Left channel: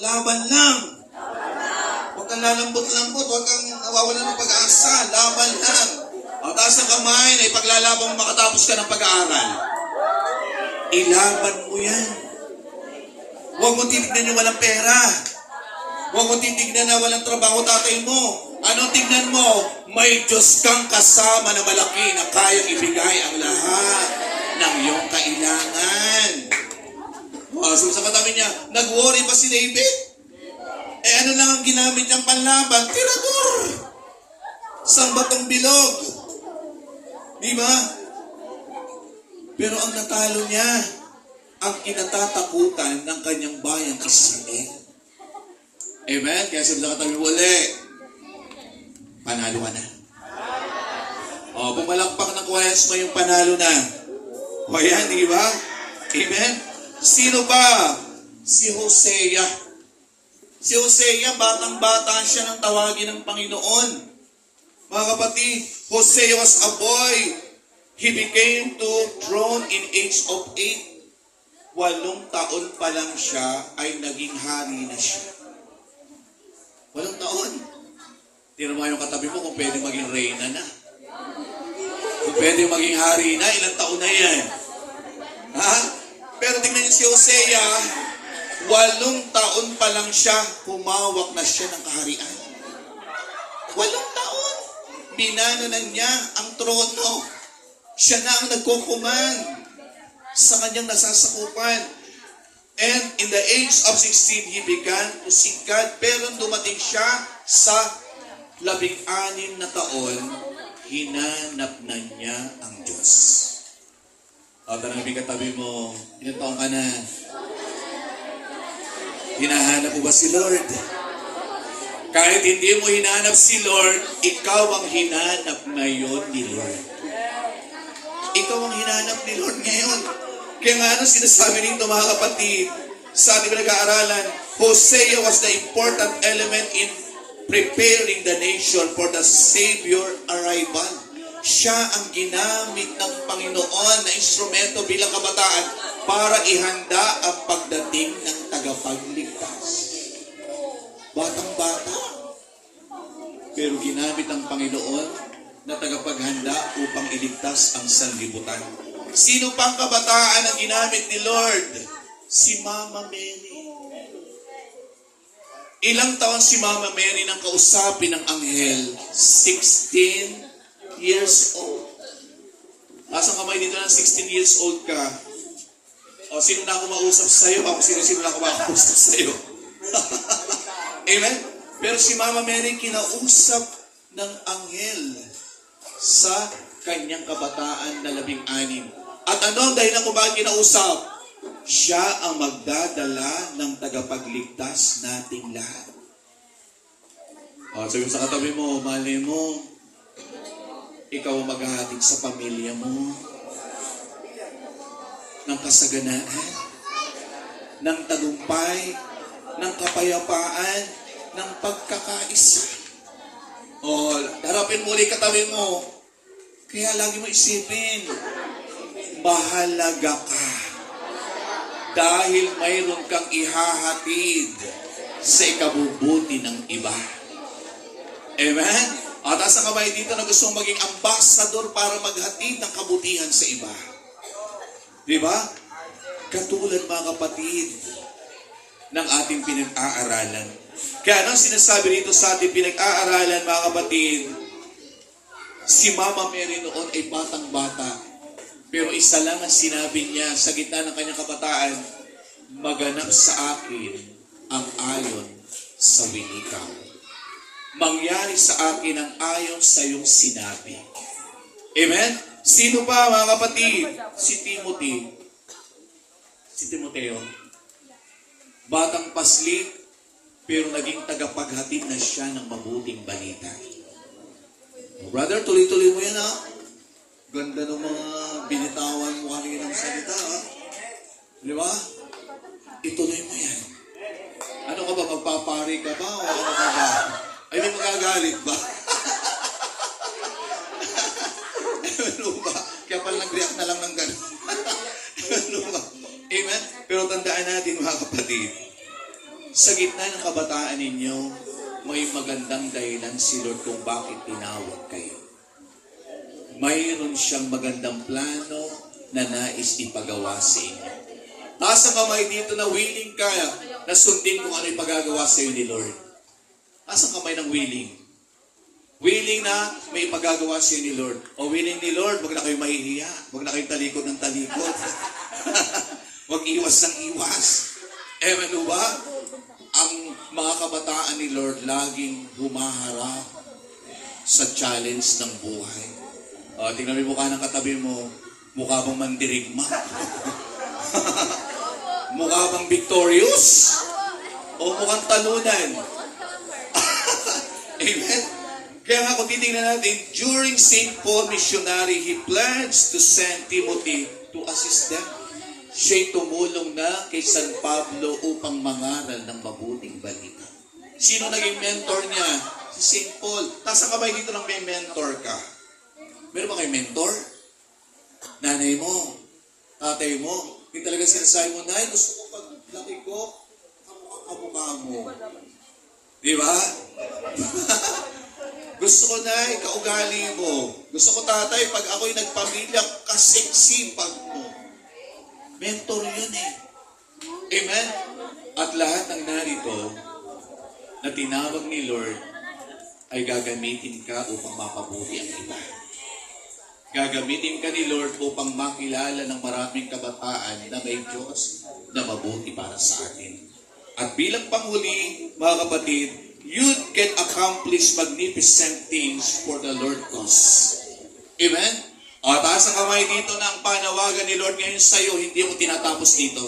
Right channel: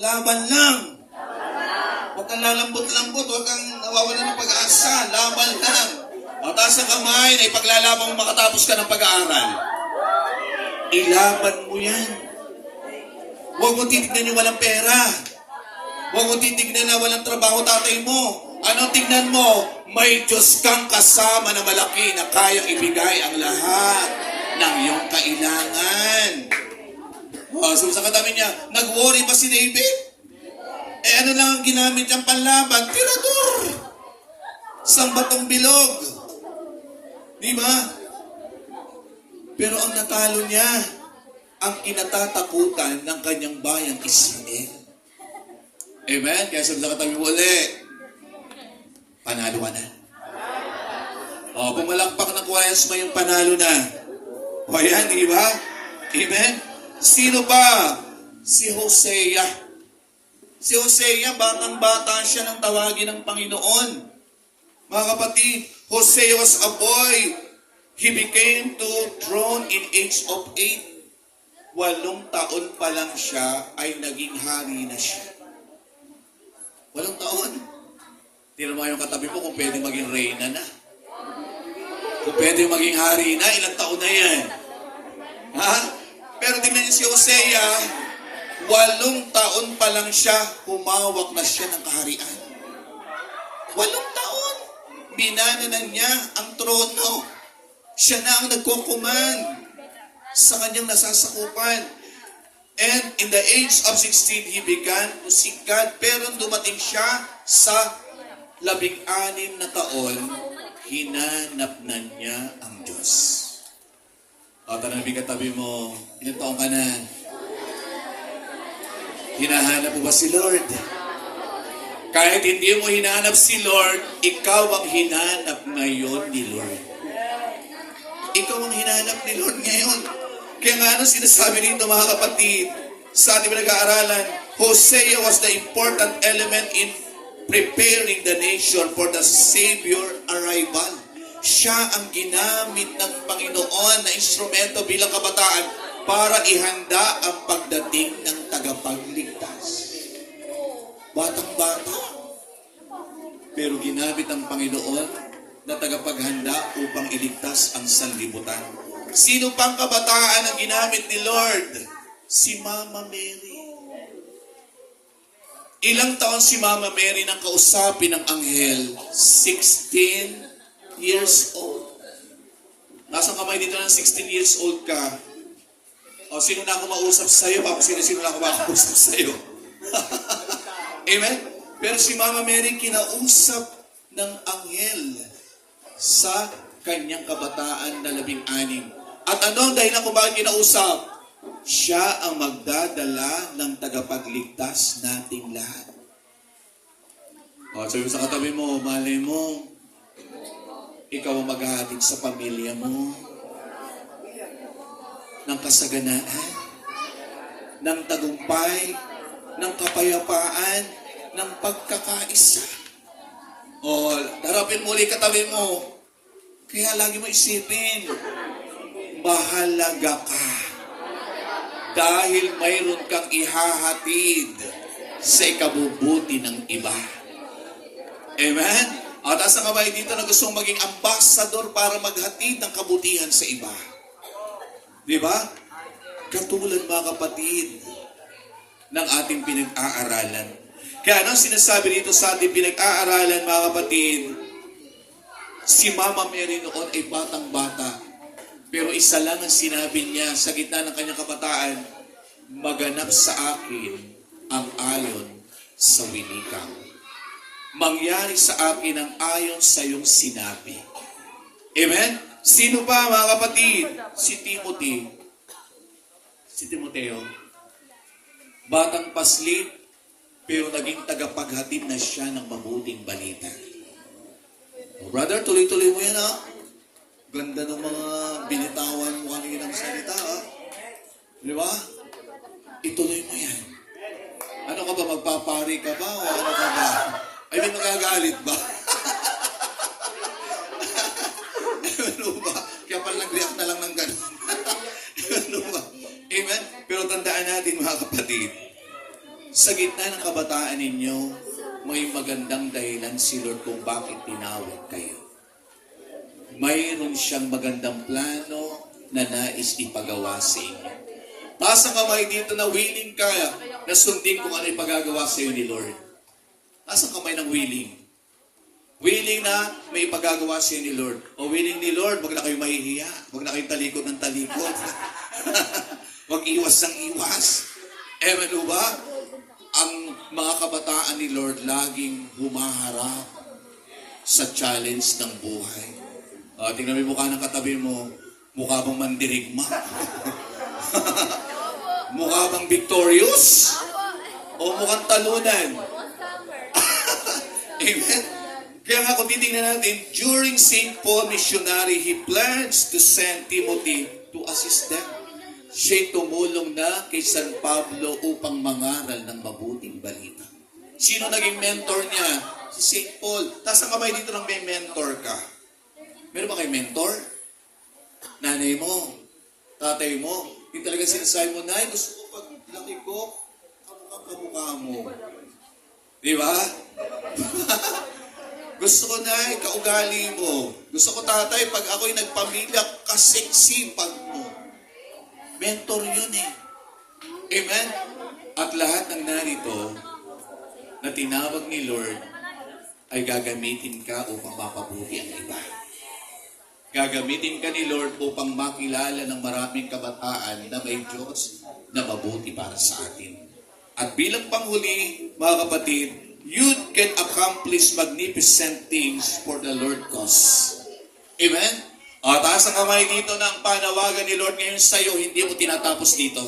Laban lang. Huwag kang lalambot-lambot, huwag kang nawawalan ng pag-asa. Laban lang. O taas ang kamay na ipaglalaban mo makatapos ka ng pag-aaral. Ilaban mo yan. Huwag mo titignan yung walang pera. Huwag mo titignan na walang trabaho tatay mo. Anong tignan mo? May Diyos kang kasama na malaki na kayang ibigay ang lahat ng iyong kailangan. So sa katabi niya, nag-worry ba si David? Ano lang ang ginamit niyang panlaban? Tirador! Sang batong bilog. Di ba? Pero ang natalo niya, ang kinatatakutan ng kanyang bayang Israel. Amen? Kaya sabi lang katabi uli, panalo ka na. Pumalakpak ng Kwaresma yung panalo na. O yan, di ba? Amen? Sino ba? Si Hosea. Si Hosea, batang-bata siya nang tawagin ng Panginoon. Mga kapatid, Hosea was a boy. He became to throne in age of 8. 8 taon pa lang siya ay naging hari na siya. 8 taon. Tira mo yung katabi mo kung pwede maging reyna na. Kung pwede maging hari na, ilang taon na yan. Ha? Pero tingnan niyo si Hosea, 8 taon pa lang siya, humawak na siya ng kaharian. 8 taon. Binananan niya ang trono. Siya na ang nagkukuman sa kanyang nasasakupan. And in the age of 16, he began to seek God. Pero dumating siya sa 16 na taon, hinanap na niya ang Diyos. Tanong katabi mo, ilang taong ka na? Hinahanap mo ba si Lord? Kahit hindi mo hinahanap si Lord, ikaw ang hinanap ngayon ni Lord. Ikaw ang hinahanap ni Lord ngayon. Kaya nga ano sinasabi dito mga kapatid, sa ating pinag-aaralan, Hosea was the important element in preparing the nation for the Savior arrival. Siya ang ginamit ng Panginoon na instrumento bilang kabataan para ihanda ang pagdating ng tagapagligtas. Batang-bata, pero ginamit ng Panginoon na tagapaghanda upang iligtas ang sanlibutan. Sino pang kabataan ang ginamit ni Lord? Si Mama Mary. Ilang taon si Mama Mary nang kausapin ng anghel? 16 years old. Nasa kamay dito ng 16 years old ka. Sino na ako mausap sa'yo? Sino na ako makausap sa'yo? Amen? Pero si Mama Mary kinausap ng anghel sa kanyang kabataan na 16. At ano dahil ako ba kinausap? Siya ang magdadala ng tagapagligtas nating lahat. Sabi mo sa katabi mo, malay mo, ikaw ang maghahatid sa pamilya mo ng kasaganaan, ng tagumpay, ng kapayapaan, ng pagkakaisa. Harapin mo ulit katabi mo. Kaya lagi mo isipin, mahalaga ka. Dahil mayroon kang ihahatid sa ikabubuti ng iba. Amen? At asa ka ba dito na gustong maging ambassador para maghatid ng kabutihan sa iba? Di ba? Katulad mga kapatid ng ating pinag-aaralan. Kaya anong sinasabi dito sa ating pinag-aaralan mga kapatid? Si Mama Mary noon ay batang-bata. Pero isa lang ang sinabi niya sa gitna ng kanyang kabataan, maganap sa akin ang ayon sa winikang. Mangyari sa akin ang ayon sa iyong sinabi. Amen? Sino pa mga kapatid? Si Timothy. Si Timoteo. Batang paslit, pero naging tagapaghatid na siya ng mabuting balita. Brother, tuloy-tuloy mo yan ha. Ganda ng mga binitawan mo kanina ng salita ha. Di ba? Ituloy mo yan. Ano ka ba? Magpapari ka ba? O ano ka ba? Ay, di magagalit ba? Ano ba? Kaya pala nag-react na lang ng gano'n. Ano ba? Amen? Pero tandaan natin mga kapatid, Sa gitna ng kabataan ninyo, may magandang dahilan si Lord kung bakit tinawag kayo. Mayroon siyang magandang plano na nais ipagawa sa inyo. Taas ang kamay dito na willing ka na sundin kung ano ipagagawa sa iyo ni Lord. Taas ang kamay ng willing. Willing na may ipagagawa sa iyo ni Lord. O willing ni Lord, wag na kayo mahihiya. Wag na kayo talikod ng talikod. Wag iwas ng iwas. Ewan ba? Ang mga kabataan ni Lord laging humaharap sa challenge ng buhay. Tingnan mo yung mukha ng katabi mo, mukha bang mandirigma? Mukha bang victorious? O mukhang talunan? Amen? Kaya nga kung titingnan natin, during St. Paul missionary, he plans to send Timothy to assist them. Siya'y tumulong na kay San Pablo upang mangaral ng mabuting balita. Sino naging mentor niya? Si St. Paul. Nasa kamay dito ng may mentor ka. Meron ba kayo mentor? Nanay mo, tatay mo, yung talaga sinasabi mo, Nay, gusto ko pag laki ko, kamukha mo. Di ba? Gusto ko, Nay, kaugali mo. Gusto ko, tatay, pag ako'y nagpamilya, kasiksipag mo. Mentor yun eh. Amen? At lahat ng narito na tinawag ni Lord ay gagamitin ka upang mapabuti ang iba. Gagamitin ka ni Lord upang makilala ng maraming kabataan na may Diyos na mabuti para sa atin. At bilang panghuli, mga kapatid, you can accomplish magnificent things for the Lord cause. Amen? Taas ang kamay dito na ang panawagan ni Lord ngayon sa iyo, hindi mo tinatapos dito.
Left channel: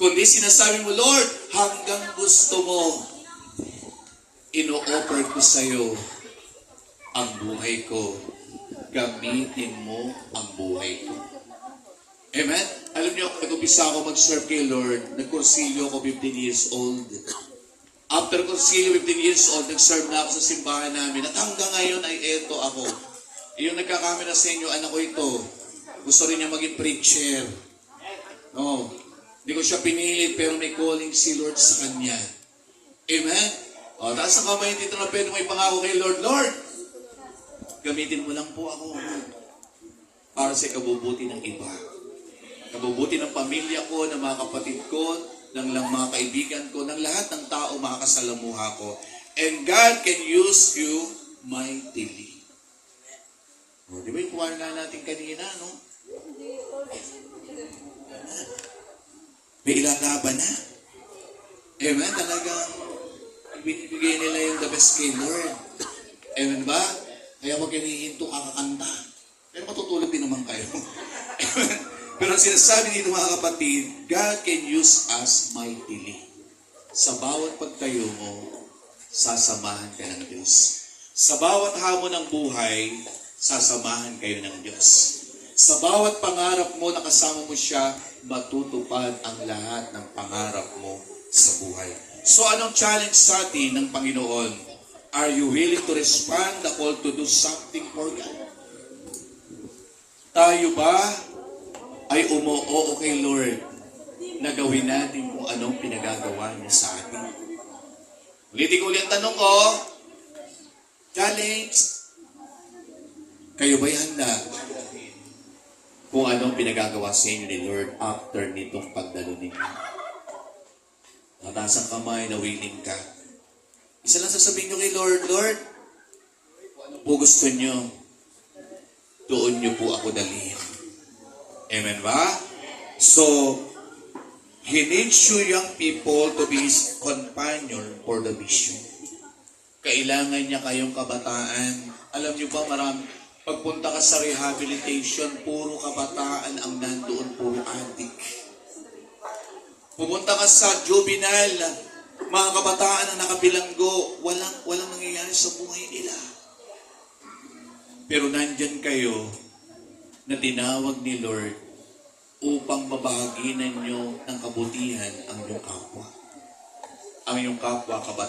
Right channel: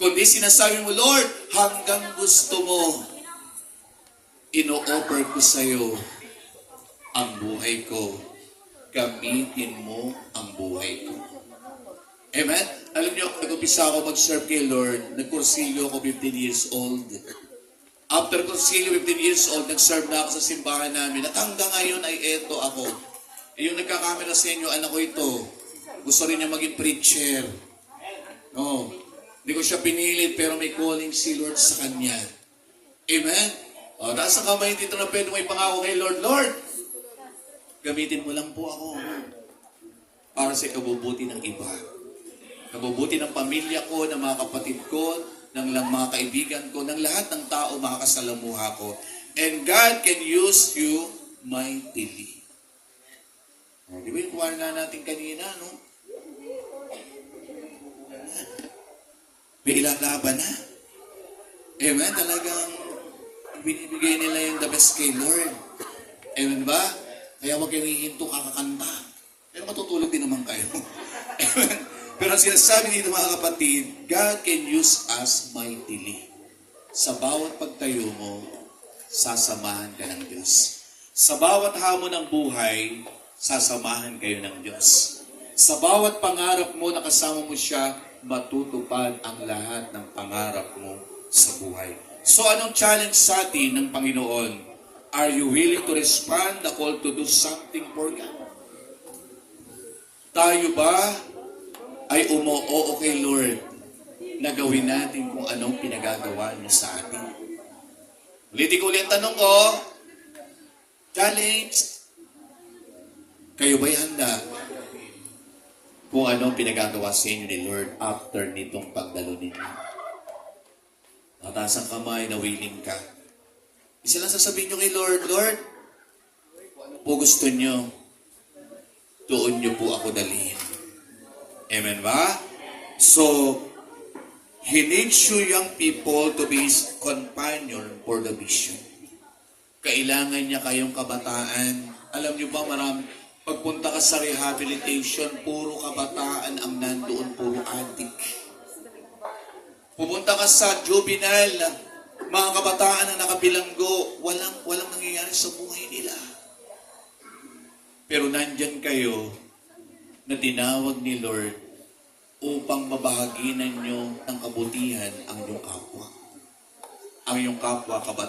Kundi sinasabi mo, Lord, hanggang gusto mo, ino-offer ko sa iyo ang buhay ko. Gamitin mo ang buhay ko. Amen? Alam niyo, nag-umpisa ako mag-serve kay Lord, nag-kursilyo ako 15 years old. After kursilyo 15 years old, nag-serve na ako sa simbahan namin. At hanggang ngayon ay eto ako. Yung nagkakamera sa inyo, anak ko ito. Gusto rin niya maging preacher. No. Hindi ko siya pinilit, pero may calling si Lord sa kanya. Amen? Taas ang kamay dito na pwede may pangako kay Lord. Lord, gamitin mo lang po ako para sa kabubuti ng iba. Kabubuti ng pamilya ko, ng mga kapatid ko, ng mga kaibigan ko, ng lahat ng tao makakasalamuha ko. And God can use you mightily. Di ba yung kuwar nga natin kanina, no? May ilalaban na. Amen? Talagang binibigay nila yung the best kay Lord. Amen ba? Kaya huwag yung hihinto kakakanta. Pero matutulog din naman kayo. Pero ang sinasabi dito mga kapatid, God can use us mightily. Sa bawat pagtayo mo, sasamahan ka ng Diyos. Sa bawat hamon ng buhay, sasamahan kayo ng Diyos. Sa bawat pangarap mo na kasama mo siya, matutupad ang lahat ng pangarap mo sa buhay. So anong challenge sa atin ng Panginoon? Are you willing to respond the call to do something for God? Tayo ba ay umoo kay Lord na gawin natin kung anong pinagagawa niya sa atin? Ulitin ko ulit ang tanong ko. Challenge. Kayo ba'y handa kung anong pinagagawa sa inyo ni Lord after nitong pagdalo ninyo? Mataas ang kamay na willing ka. Isa lang sasabihin nyo kay Lord, Lord, kung ano po gusto nyo, doon nyo po ako dalhin. Amen ba? So, He needs you young people to be His companion for the mission. Kailangan niya kayong kabataan. Alam niyo ba, pagpunta ka sa rehabilitation, puro kabataan ang nandoon, puro adik. Pupunta ka sa juvenile, mga kabataan na nakabilanggo, walang nangyayari sa buhay nila. Pero nandyan kayo na tinawag ni Lord upang mabahaginan nyo ng kabutihan ang iyong kapwa. Ang iyong kapwa kabataan.